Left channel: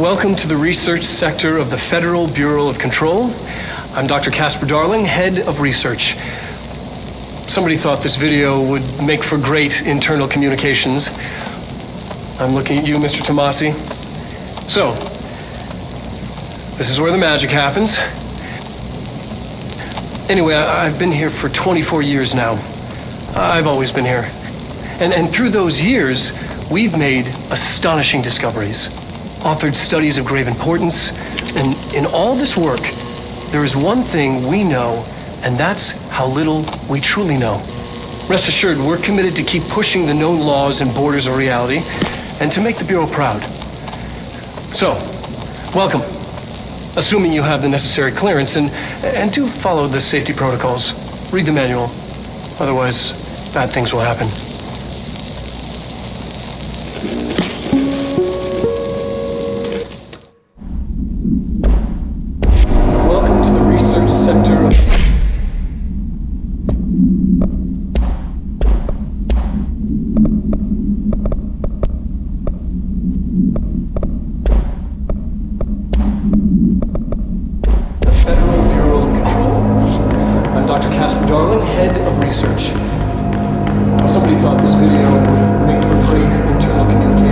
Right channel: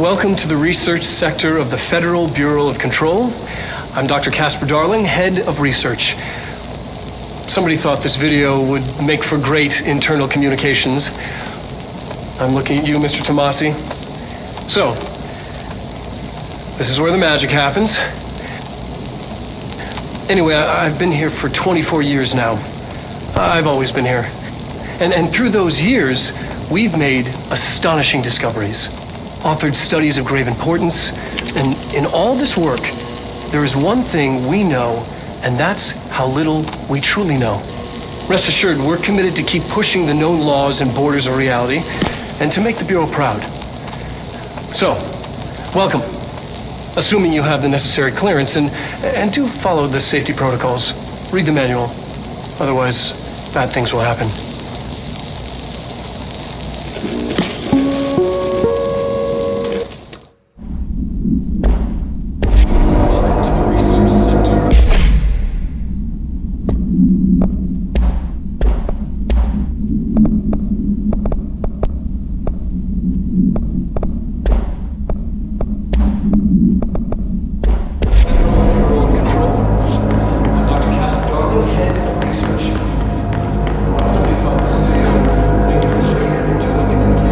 Welcome to the research sector of the Federal Bureau of Control. I'm Dr. Casper Darling, head of research. Somebody thought this video would make for great internal communications. I'm looking at you, Mr. Tomasi. So, this is where the magic happens. Anyway, I've been here for 24 years now. I've always been here. And through those years, we've made astonishing discoveries, authored studies of grave importance, and in all this work, there is one thing we know, and that's how little we truly know. Rest assured, we're committed to keep pushing the known laws and borders of reality, and to make the Bureau proud. So, welcome. Assuming you have the necessary clearance, and do follow the safety protocols. Read the manual. Otherwise, bad things will happen. Welcome to the research sector of... the Federal Bureau of Control. I'm Dr. Casper Darling, head of research. Somebody thought this video would make for great internal communication.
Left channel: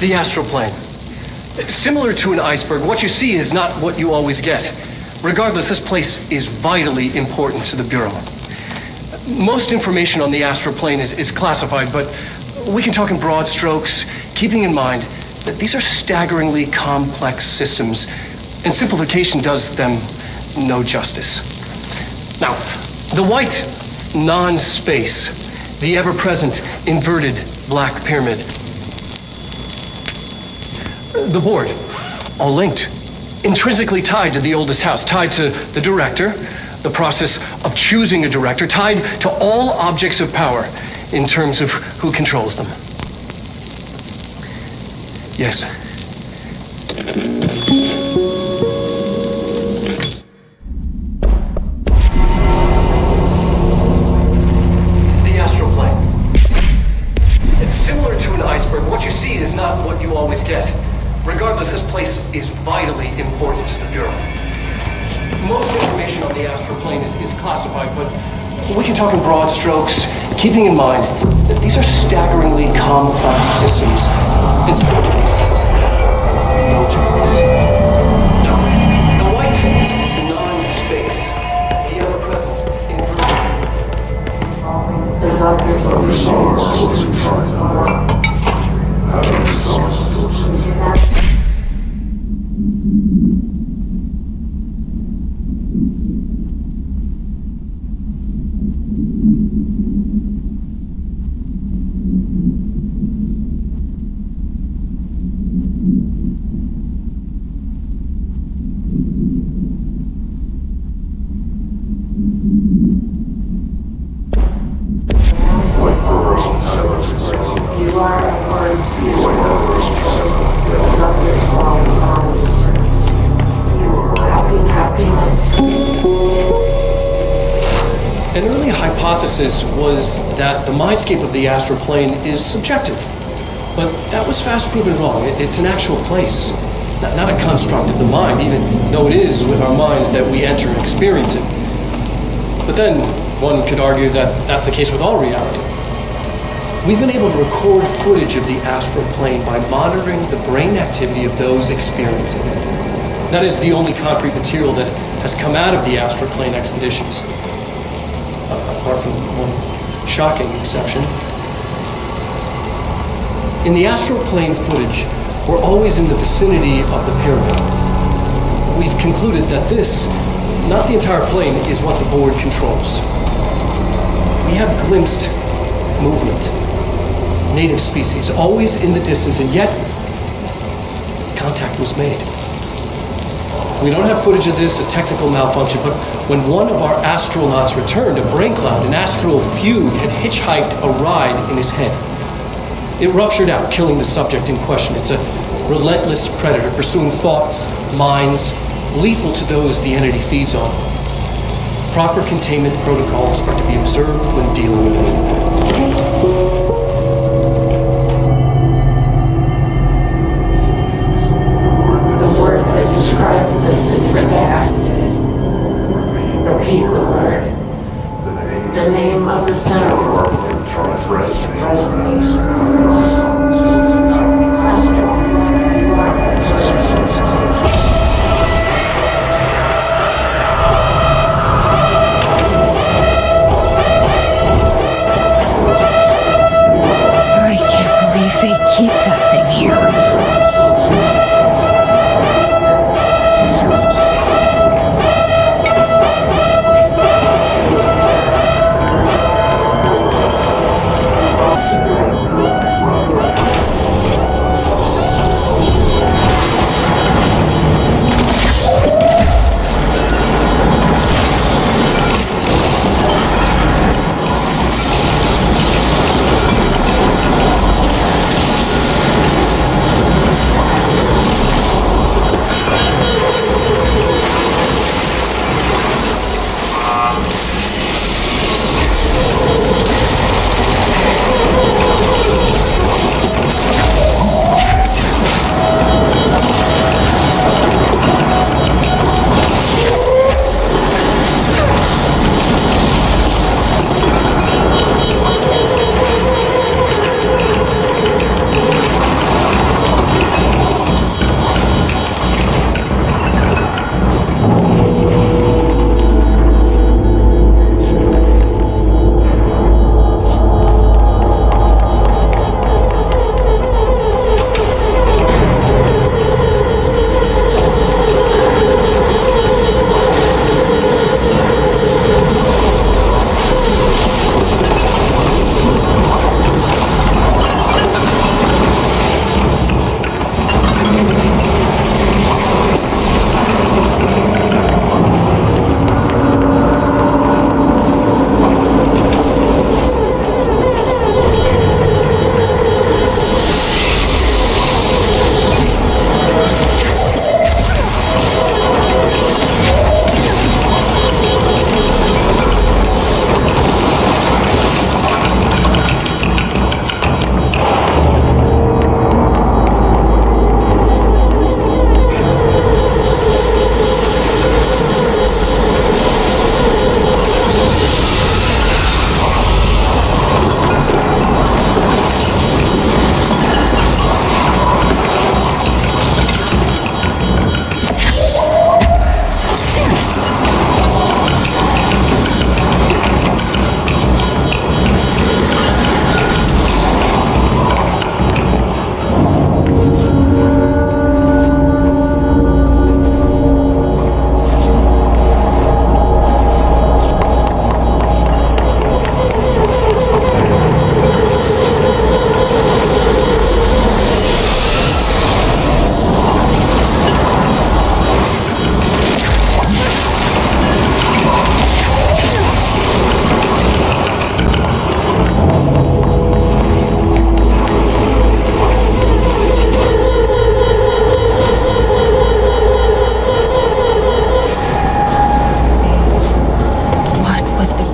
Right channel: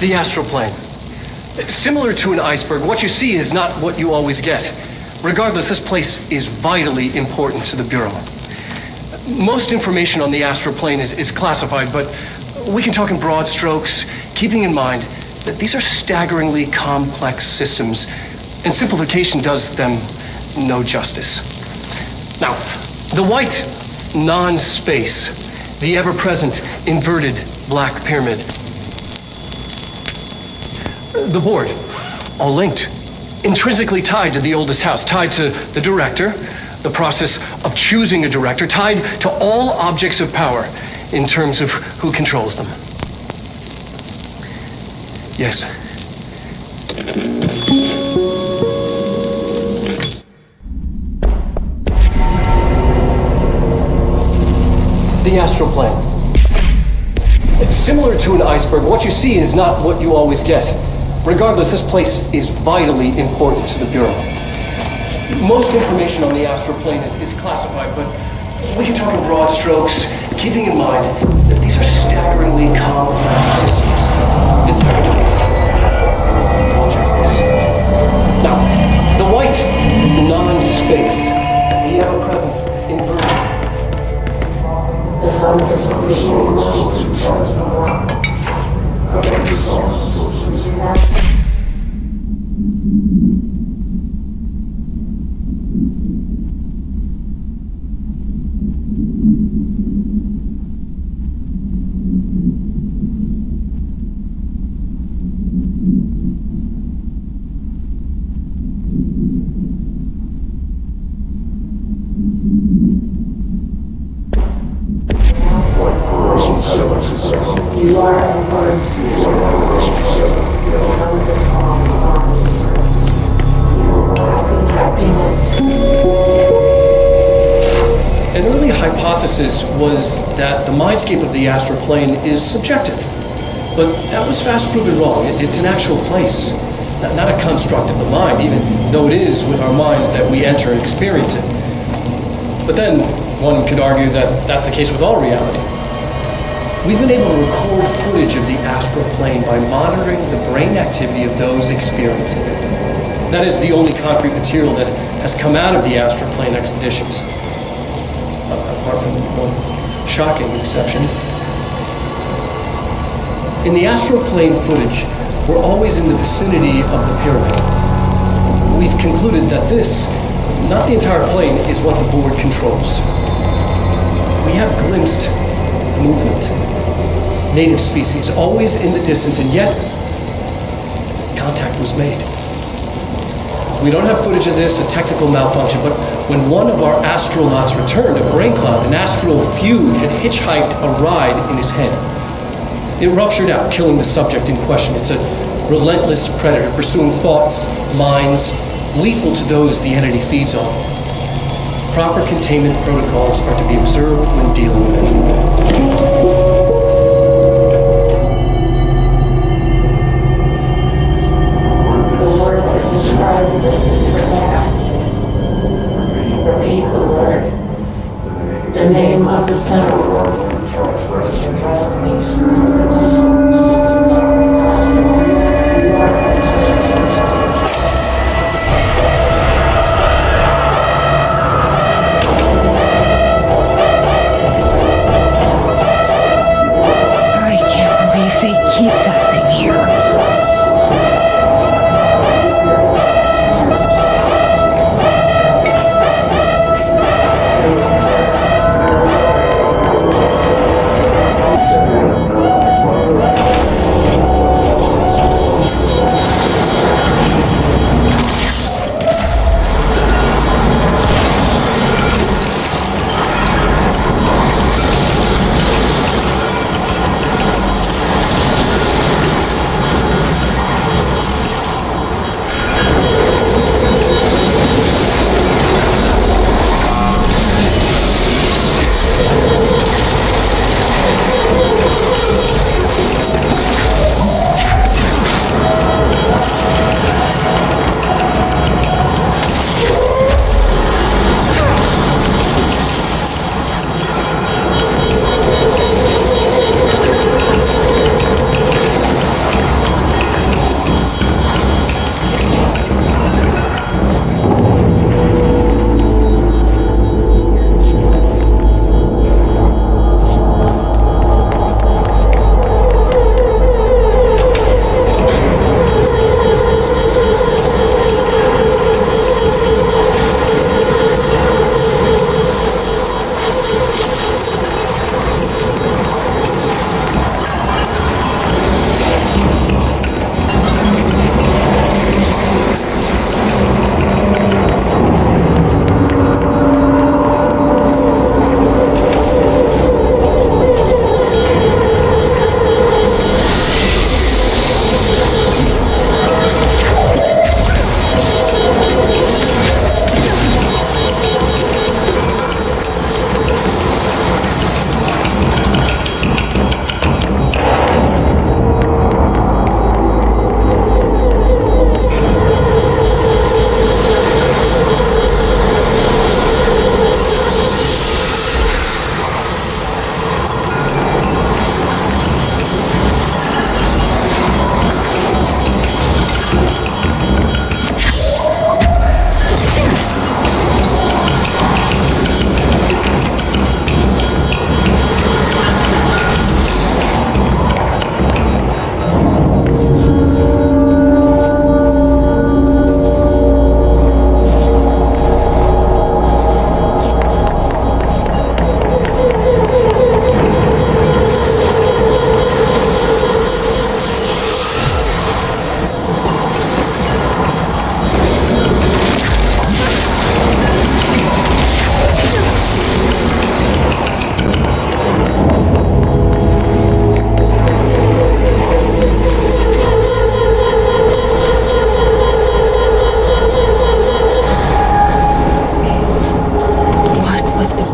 The astral plane. Similar to an iceberg, what you see is not what you always get. Regardless, this place is vitally important to the Bureau. Most information on the astral plane is classified, but we can talk in broad strokes, keeping in mind that these are staggeringly complex systems, and simplification does them no justice. Now, the white non-space, the ever-present inverted black pyramid. The board, all linked, intrinsically tied to the oldest house, tied to the director, the process of choosing a director, tied to all objects of power in terms of who controls them. Yes. The astral plane. Similar to an iceberg, what you see is not what you always get. Regardless, this place is vitally important to the Bureau. Most information on the astral plane is classified, but we can talk in broad strokes, keeping in mind that these are staggeringly complex systems. It's no justice. Now, the white non-space, the ever-present inverted. The sun is You are important to the happiness. An early hypothesis was that the mindscape of the astral plane is subjective, but that was fast proven wrong. It's an actual place, not a construct of the mind, even though it is with our minds that we enter and experience it. But then one could argue that that's the case with all reality. We've been able to record footage of the astral plane by monitoring the brain activity of those experiencing it. That is the only concrete material that has come out of the astral plane expeditions, apart from one shocking exception. In the astral plane footage, we're always in the vicinity of the pyramid. We've concluded that this, not the entire plane, is what the board controls. We have glimpsed movement, native species, always in the distance, and yet contact was made. We don't have footage of this, a technical malfunction, but when one of our astronauts returned, a brain cloud, an astral fugue, had hitchhiked a ride in his head. It ruptured out, killing the subject in question. It's a relentless predator pursuing thoughts, minds, lethal to those the entity feeds on. Proper containment protocols are to be observed when dealing with it. The word that describes this is Rebecca. Repeat the word. The name of the center word resonates. You are I can't believe they keep that thing here.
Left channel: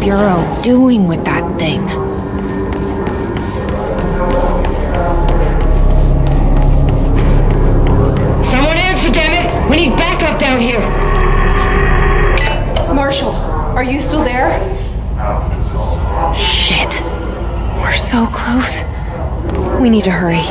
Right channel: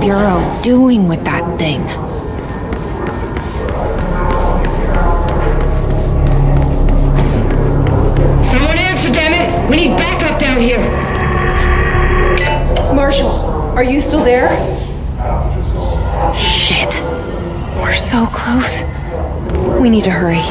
Bureau doing with that thing? Someone answer, damn it! We need backup down here! Marshall, are you still there? Shit. We're so close. We need to hurry.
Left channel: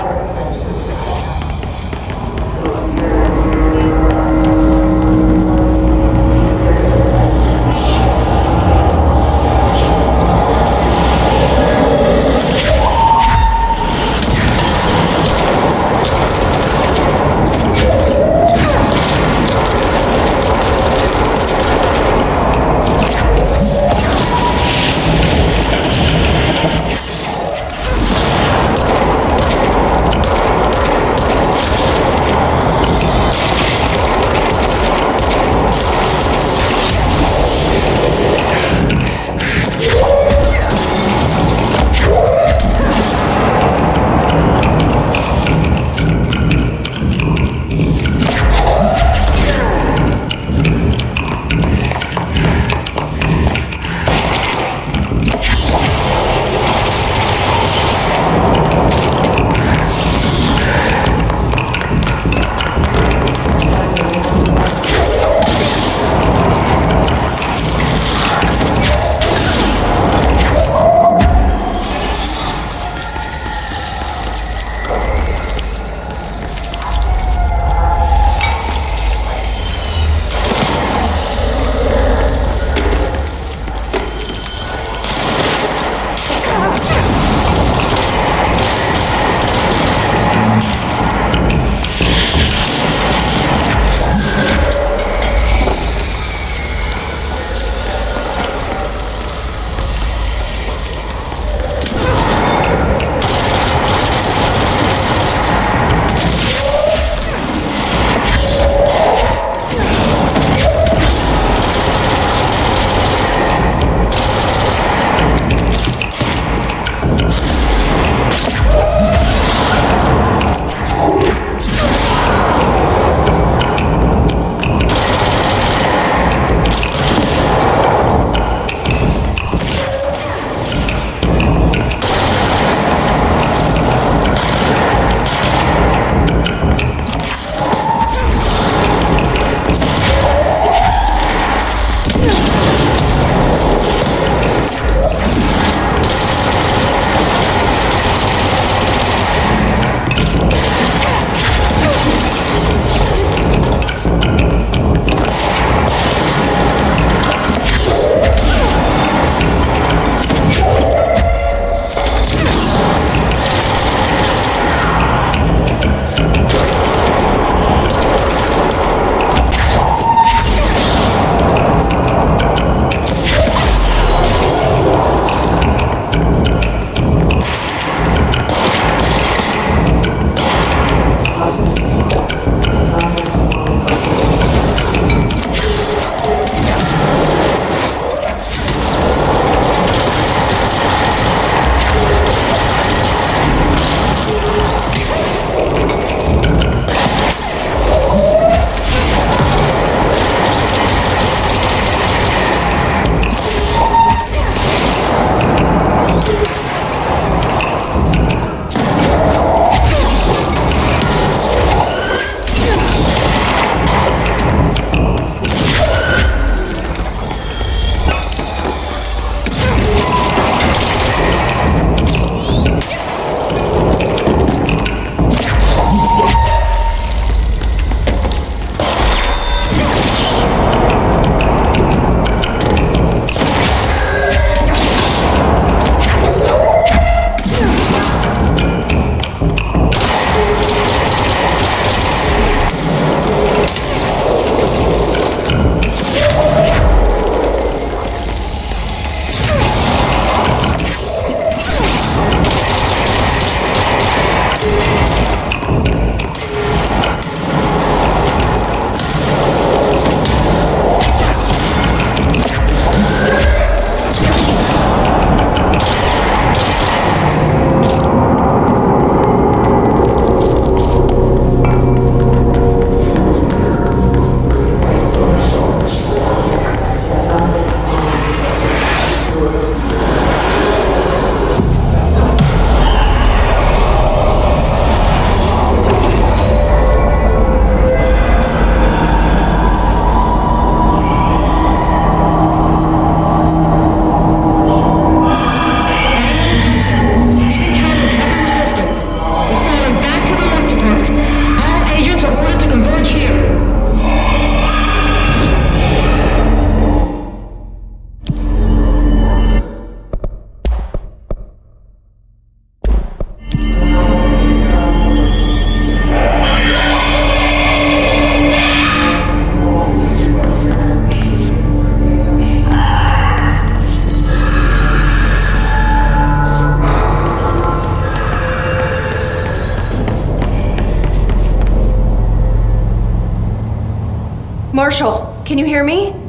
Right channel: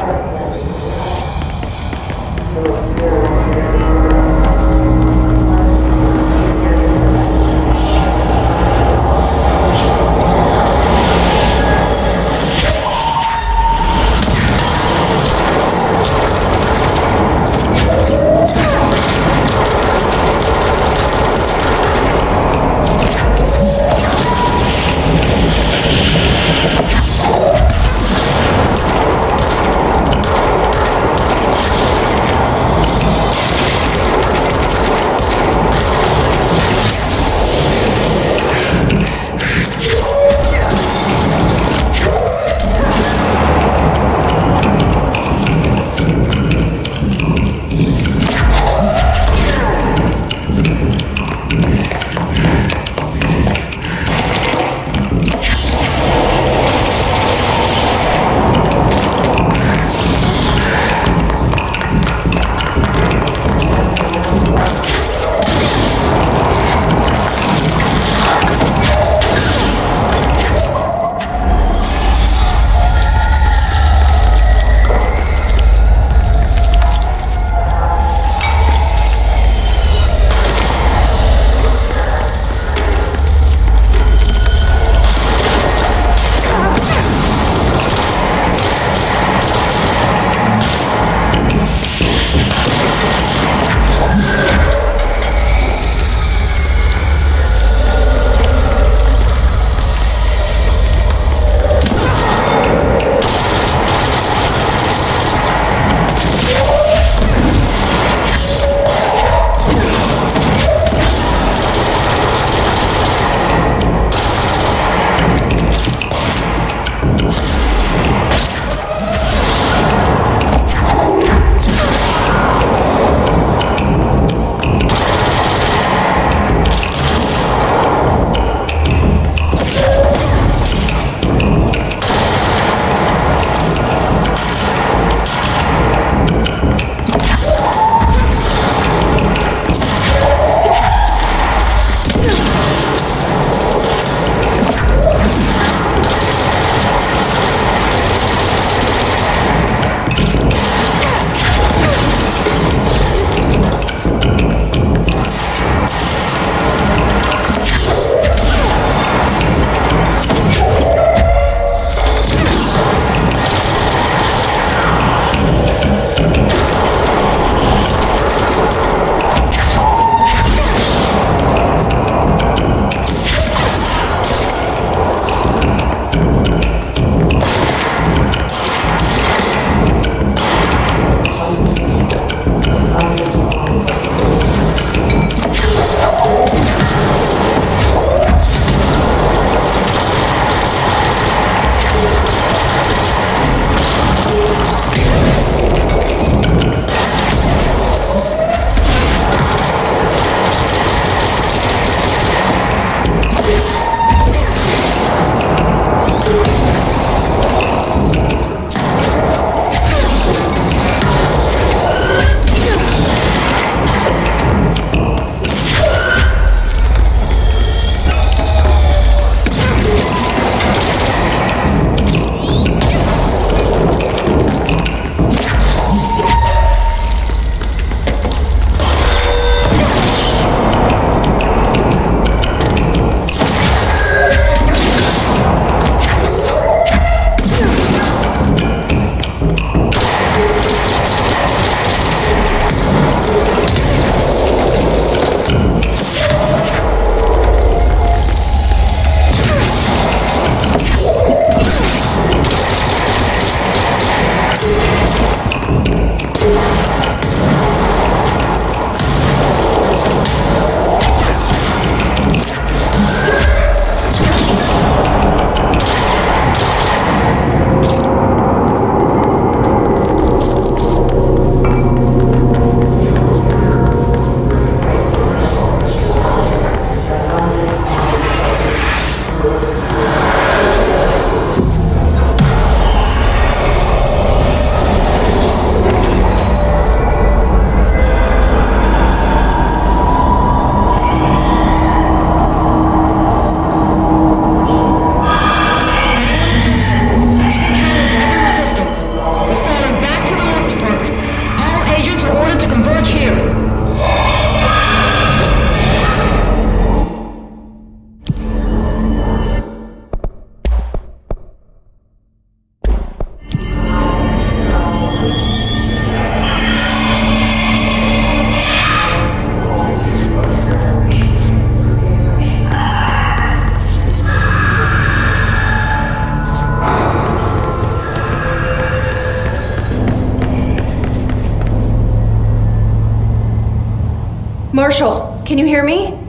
Marshall, can you hear me?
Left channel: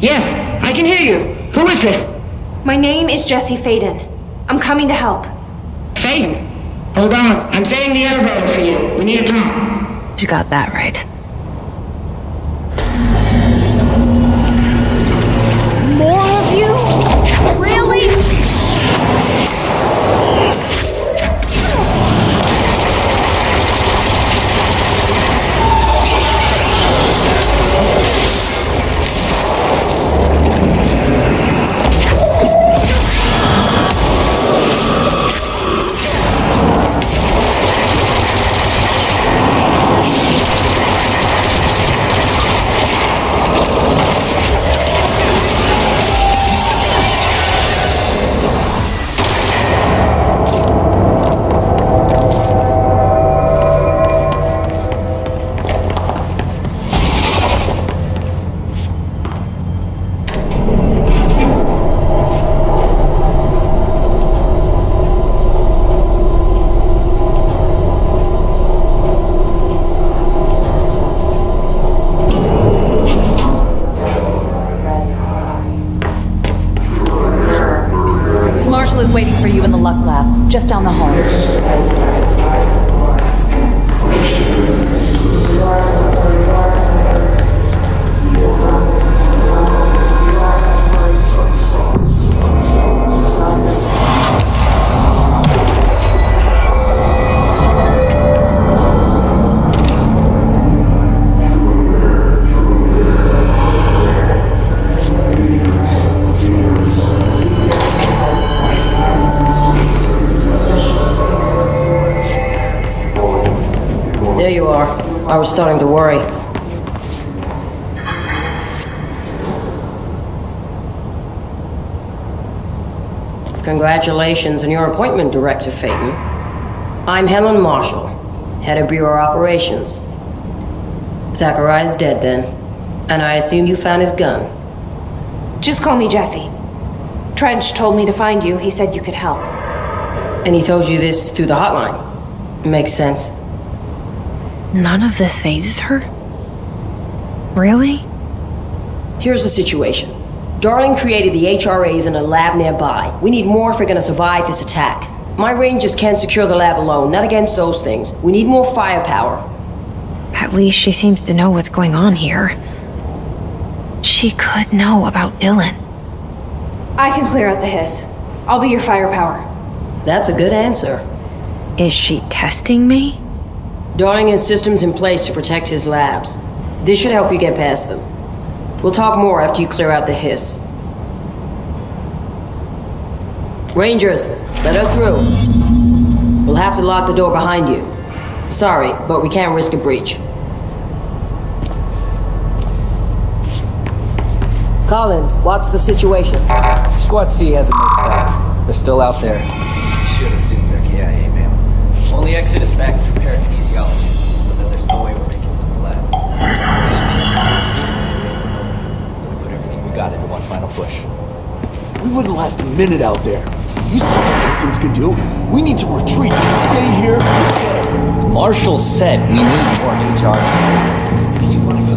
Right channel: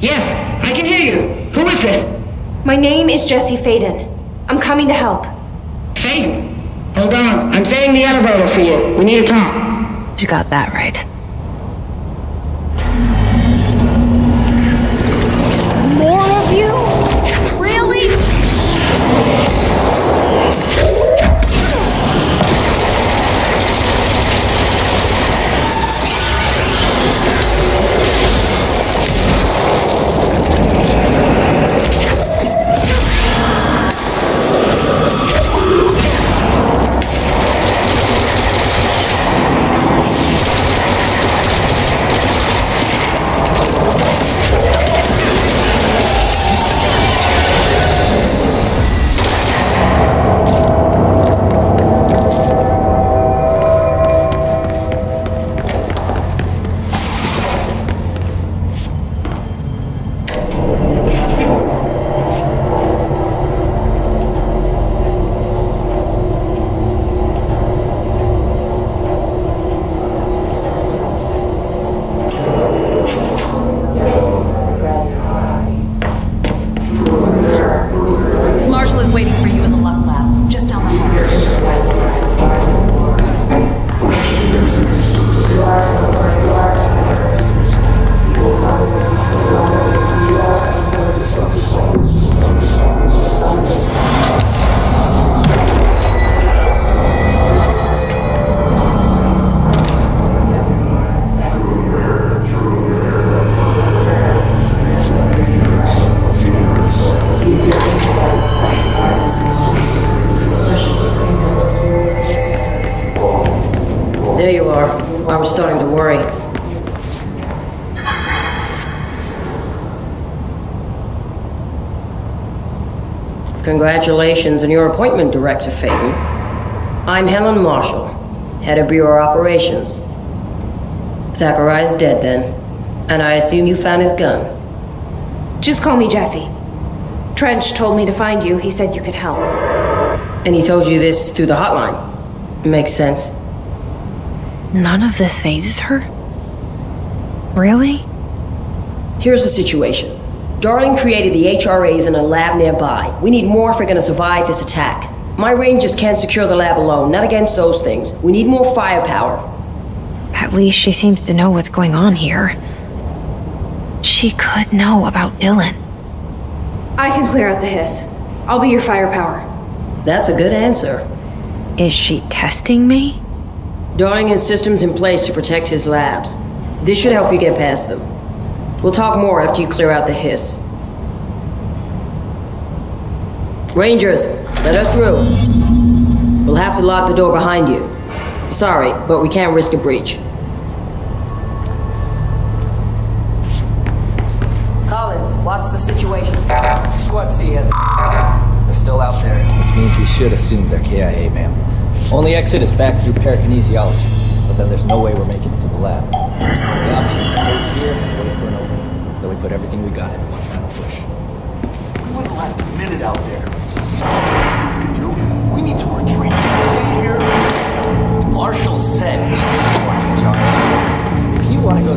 Yes, I can hear you. Who is this? My name is Jesse Faden. I'm coming to help. Faden. Hold on. I'm setting the elevator for you. We need to talk. She got that right. More of you? Really? Marshall is waiting for you in the Luck Lab, just down the hall. There you are. I was starting to worry. Congratulations on your appointment, Director Faden. I'm Helen Marshall, Head of Bureau Operations. Zachariah's dead then, and I assume you found his gun. Just call me Jesse. Trench told me to find you. He said you could help. And he told you this through the hotline. Makes sense. None of this phases her? Really? Here's the situation. Darling created the HRAs in a lab nearby. We need more if we're gonna survive this attack. My rangers can't secure the lab alone, not against those things. We need more firepower. At least she seems to know what's going on here. She could know about Dylan. I can clear out the hiss. I'll be your firepower. That's a good answer. Is she testing me? Darling has systems in place to protect his labs. This should help you get past them. We'll talk more after you clear out the hiss. Rangers, let her through. We'll have to lock the door behind you. Sorry, but we can't risk a breach. Collins, what's the situation? Squad C hasn't made it back. They're still out there, which means we should assume they're KIA, ma'am. Only exit is back through parakinesiology, but then there's no way we're making it to the lab. Only option is to hold here and wait for an opening. Then we put everything we got into one final push. We wouldn't last a minute out there. You saw what these things can do. We need to retreat and stay here. Marshall said we need more HRAs. If you want to go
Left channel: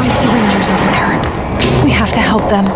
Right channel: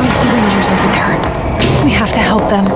I see Rangers over there. We have to help them.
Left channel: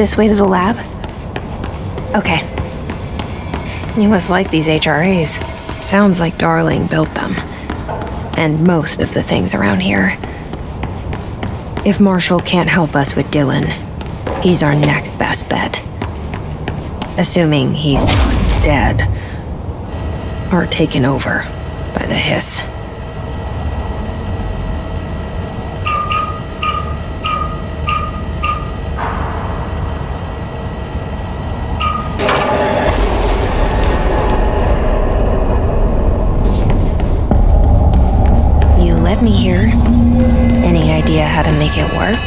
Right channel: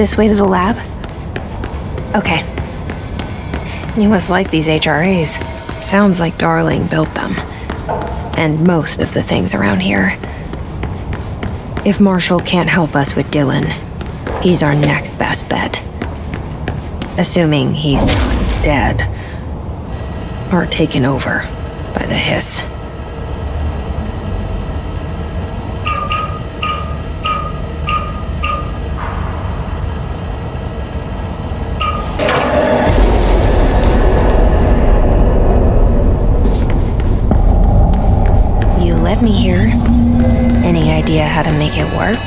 this way to the lab? Okay. You must like these HRAs. Sounds like Darling built them. And most of the things around here. If Marshall can't help us with Dylan, he's our next best bet. Assuming he's not dead. Or taken over by the hiss. You let me here. Any idea how to make it work?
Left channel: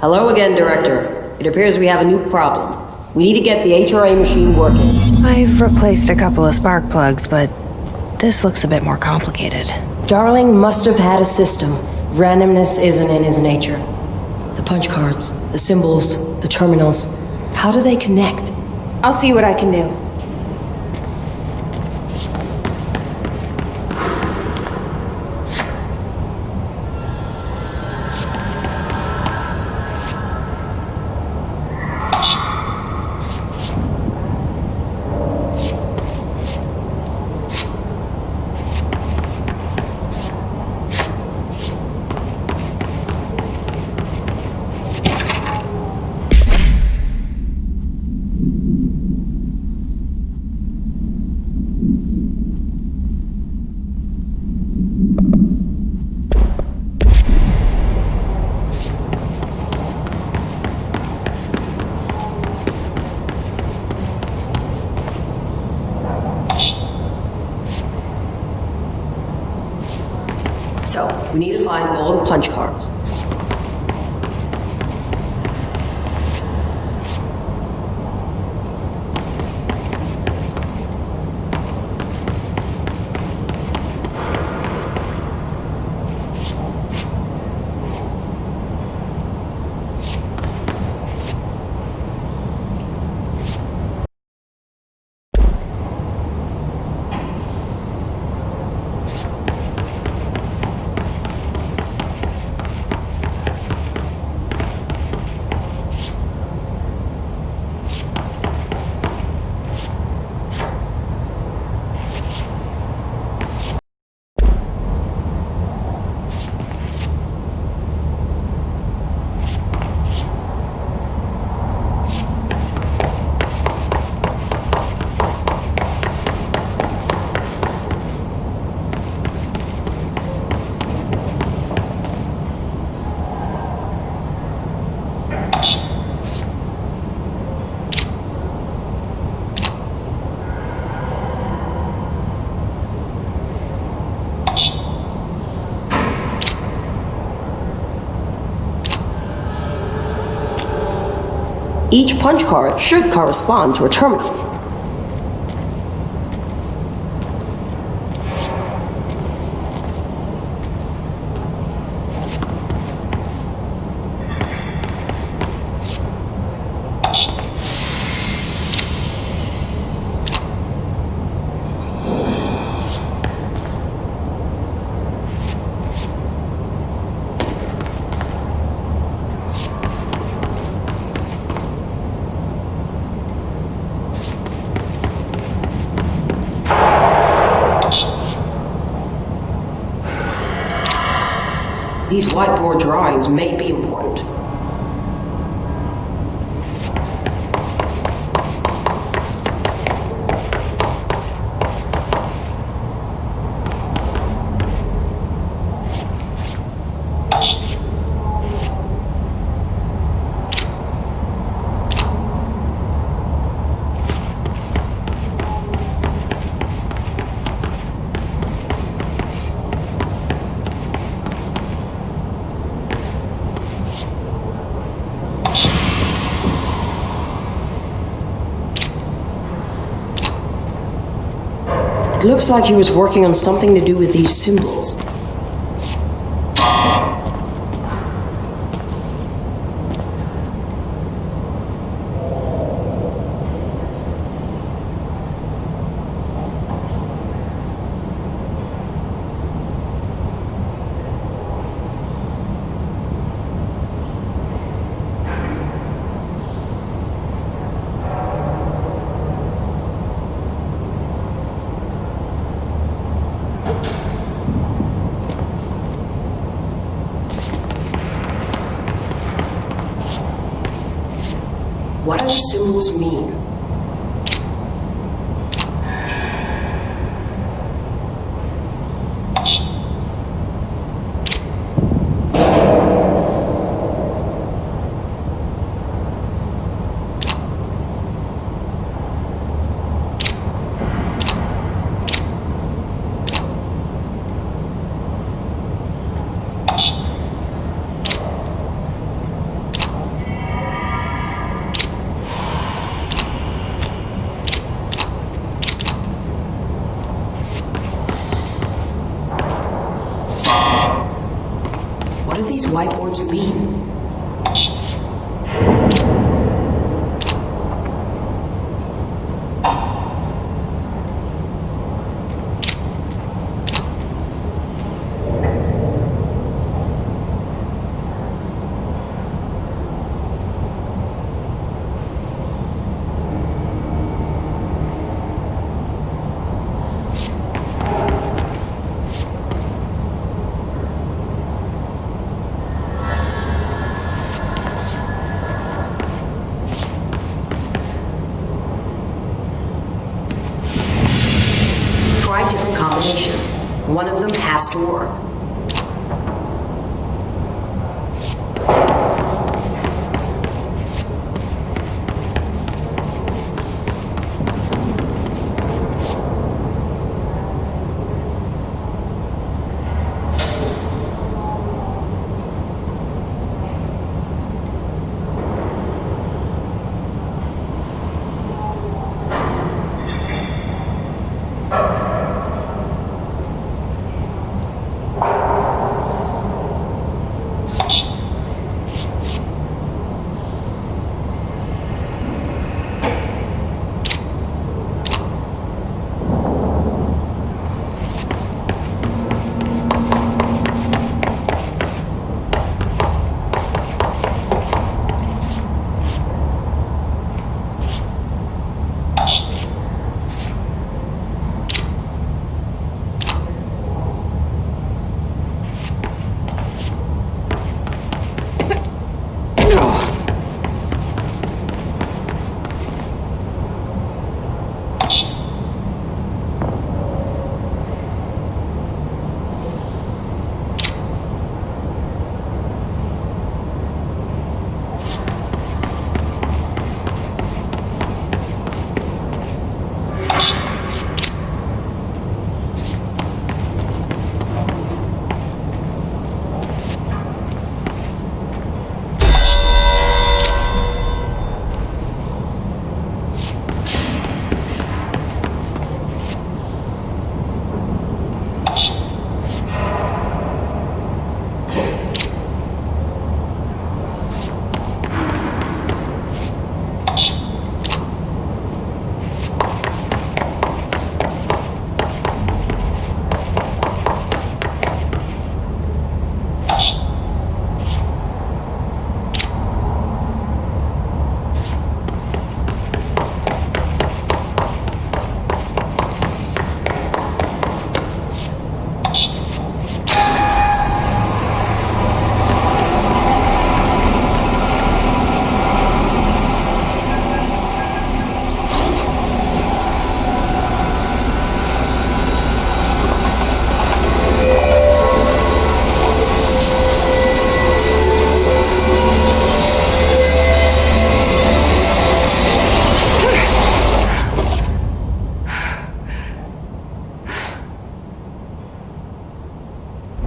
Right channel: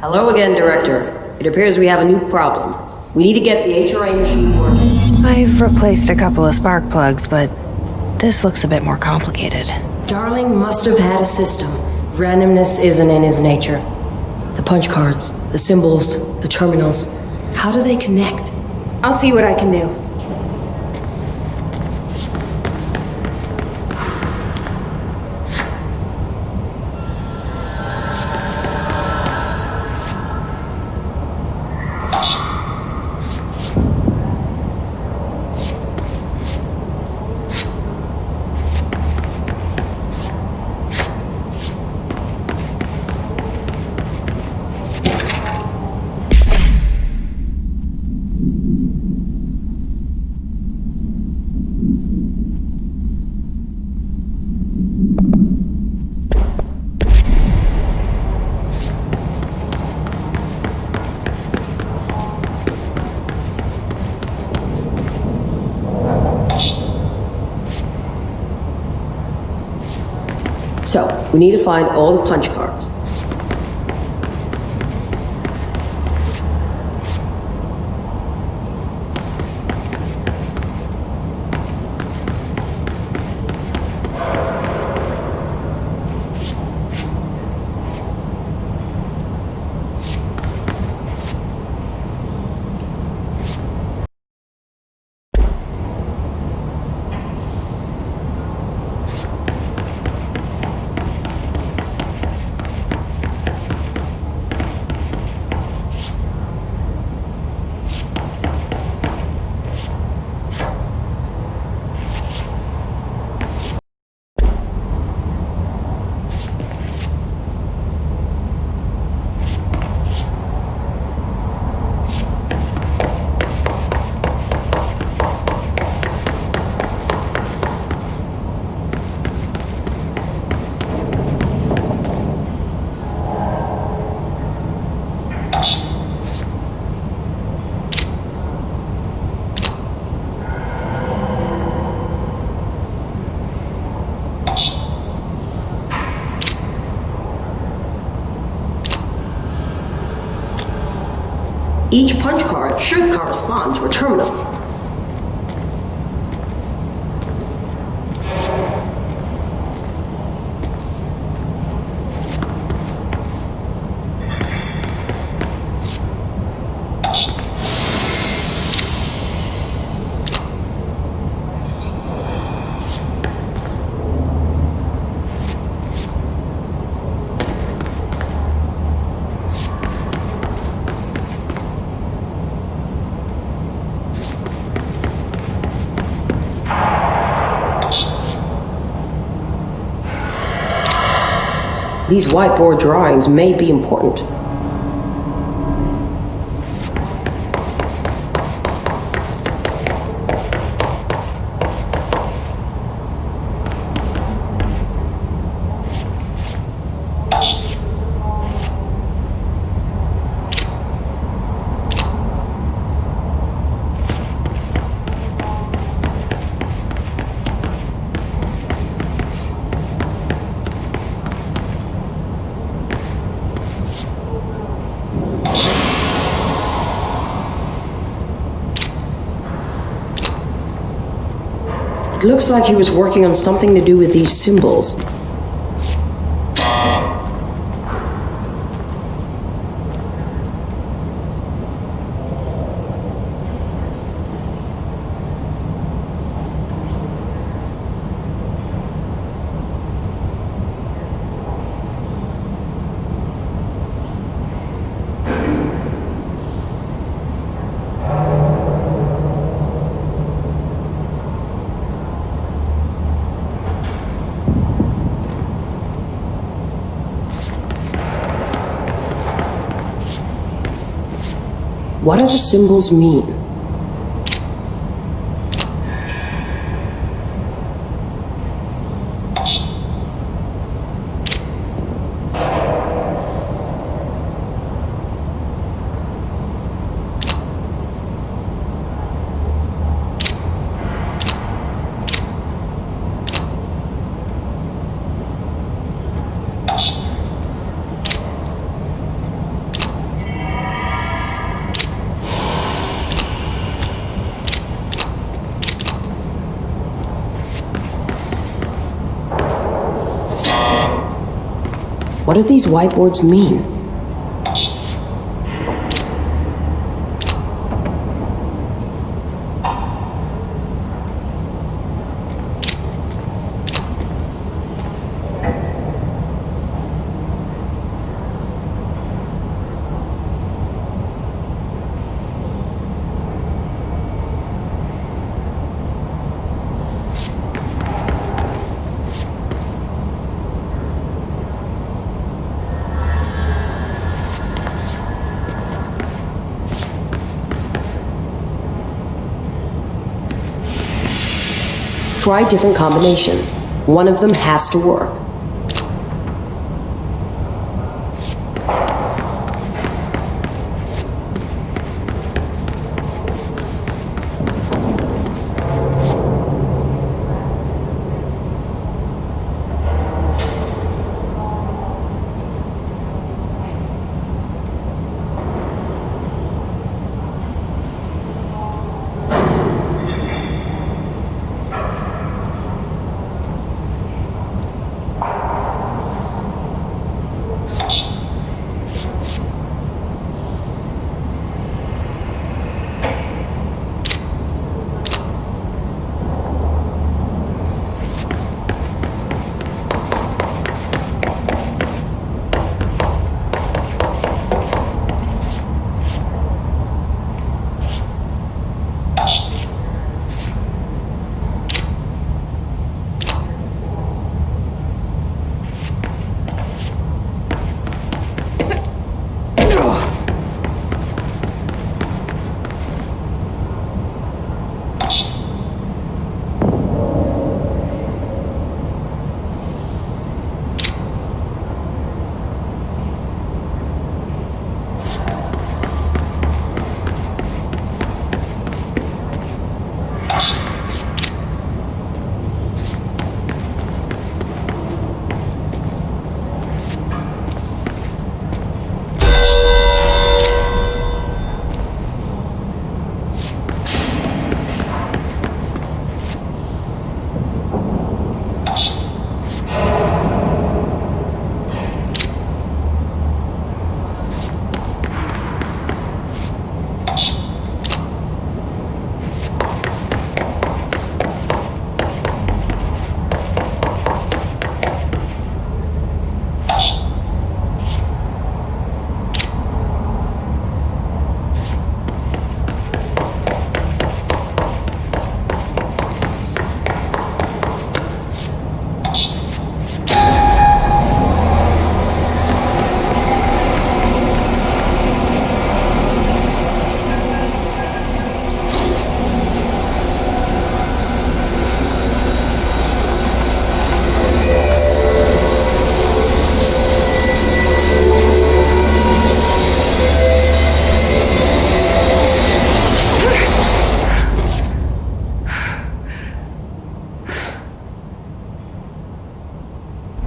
Hello again, Director. It appears we have a new problem. We need to get the HRA machine working. I've replaced a couple of spark plugs, but this looks a bit more complicated. Darling must have had a system. Randomness isn't in his nature. The punch cards, the symbols, the terminals. How do they connect? I'll see what I can do. So, we need to find all the punch cards. Each punch card should correspond to a terminal. These whiteboard drawings may be important. It looks like he was working on something to do with these symbols. the symbols mean? What do these whiteboards mean? Try different combinations. One of them has to work.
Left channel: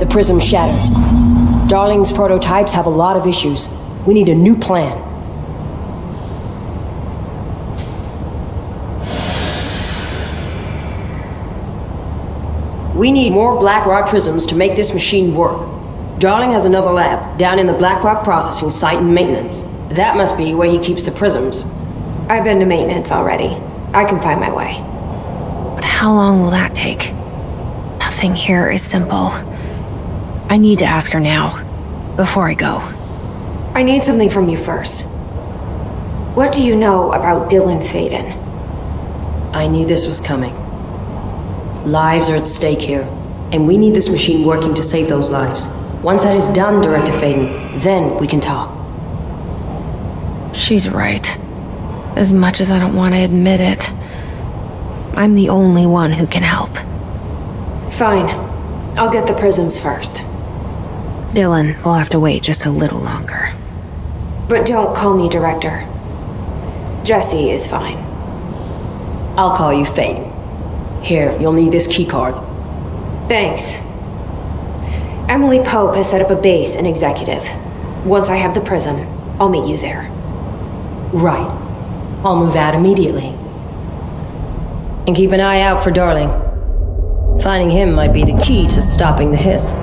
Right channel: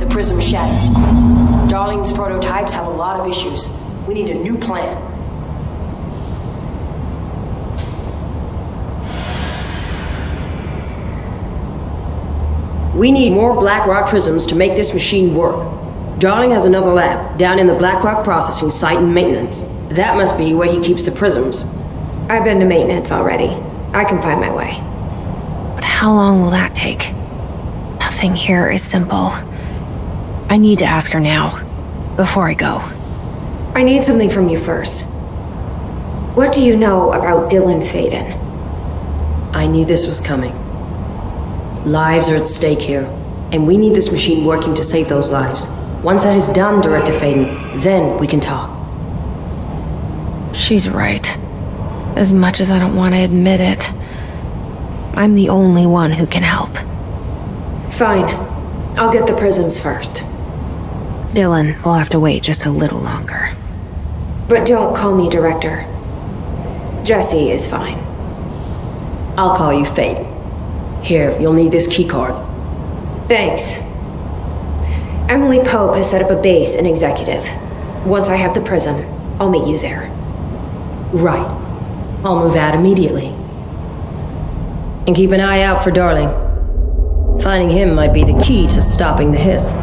Prism shattered. Darling's prototypes have a lot of issues. We need a new plan. We need more Blackrock prisms to make this machine work. Darling has another lab down in the Blackrock processing site in maintenance. That must be where he keeps the prisms. I've been to maintenance already. I can find my way. But how long will that take? Nothing here is simple. I need to ask her now, before I go. I need something from you first. What do you know about Dylan Faden? I knew this was coming. Lives are at stake here, and we need this machine working to save those lives. Once that is done, Director Faden, then we can talk. She's right. As much as I don't want to admit it, I'm the only one who can help. Fine. I'll get the prisms first. Dylan will have to wait just a little longer. But don't call me Director. Jesse is fine. I'll call you Faden. Here, you'll need this keycard. Thanks. Emily Pope has set up a base in Executive. Once I have the prism, I'll meet you there. Right. I'll move out immediately. And keep an eye out for Darling. Finding him might be the key to stopping the hiss.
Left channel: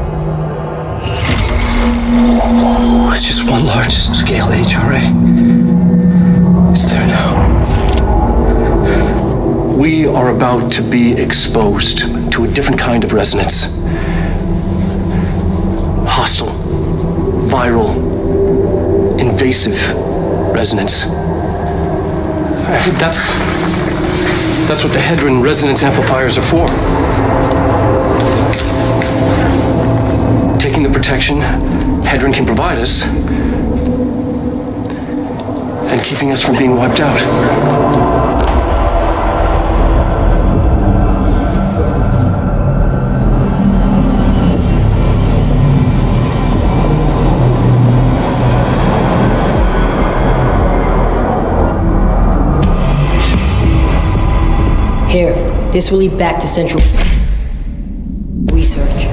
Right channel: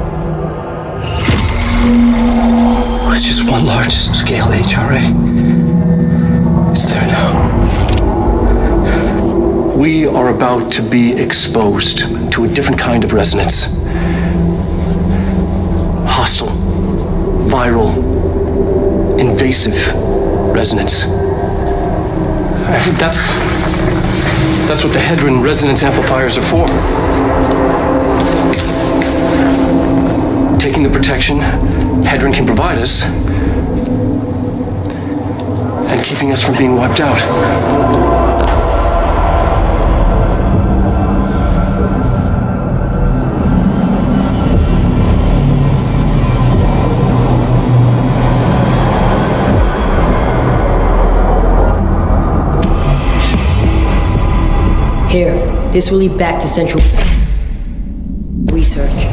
With just one large-scale HRA. It's there now. We are about to be exposed to a different kind of resonance. Hostile, viral, invasive resonance. I think that's what the Hedron resonance amplifiers are for. Taking the protection Hedron can provide us and keeping us from being wiped out. Here, this will lead back to Central Research.